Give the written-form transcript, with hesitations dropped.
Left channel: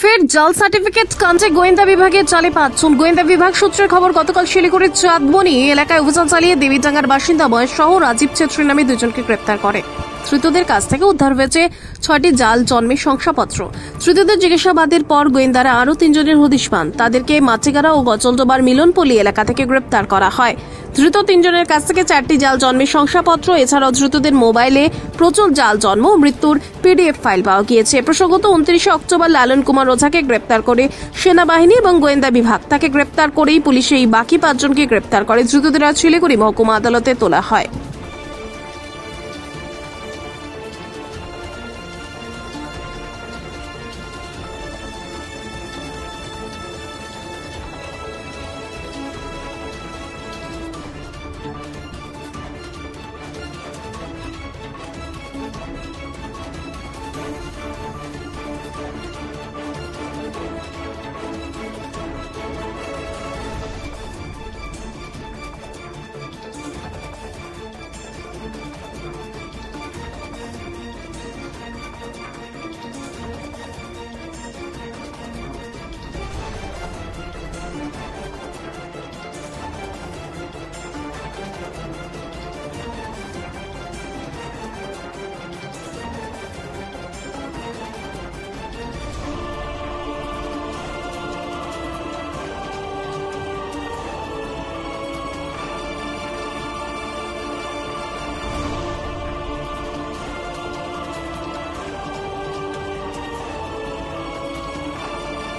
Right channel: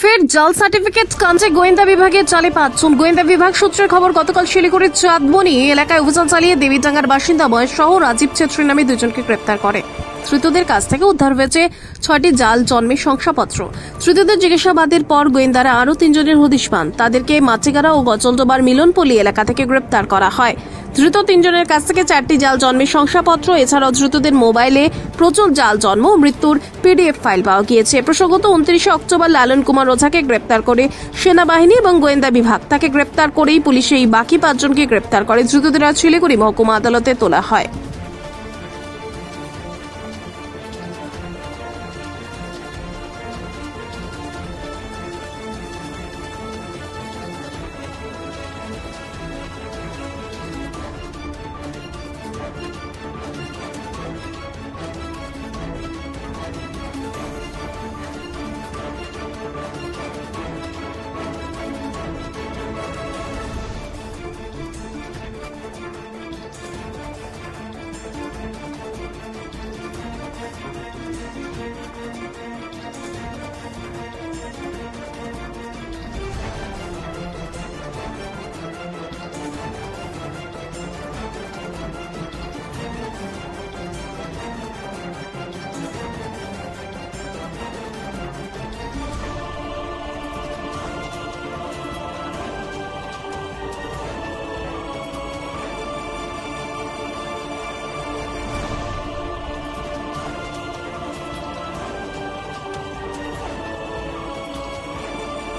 ফের জাল সার্টিফিকেট কাণ্ডে গোয়েন্দা বিভাগের জালে 5 জন। গোয়েন্দা বিভাগ সূত্রে খবর, গতকাল শিলিগুড়ির চাঁদবনি এলাকায় অভিযান চালিয়ে দেবীডাঙ্গার বাসিন্দা মহেশ সহ রাজীব ছেত্রী নামে 2 জনকে গ্রেপ্তার করে। ধৃতদের কাছ থেকে উদ্ধার হয়েছে 6টি জাল জন্মের শংসাপত্র। ধৃতদের জিজ্ঞাসাবাদের পর গোয়েন্দারা আরও 3 জনের হদিশ পান। তাদেরকে মাটিগাড়া ও গজলডোবার মিলনপল্লী এলাকা থেকে গ্রেপ্তার করা হয়। ধৃত 3 জনের কাছ থেকে 4টি জাল জন্মের শংসাপত্র, এছাড়াও ধৃতদের মোবাইলে প্রচুর জাল জন্ম ও মৃত্যুর পিডিএফ ফাইল পাওয়া গিয়েছে। প্রসঙ্গত 29 অক্টোবর লালন কুমার ওঝাকে গ্রেপ্তার করে সেনাবাহিনী এবং গোয়েন্দা বিভাগ। তাকে গ্রেপ্তার করেই পুলিশ এই বাকি 5 জনকে গ্রেপ্তার করে। ধৃতদের আজ শিলিগুড়ি মহকুমা আদালতে তোলা হয়।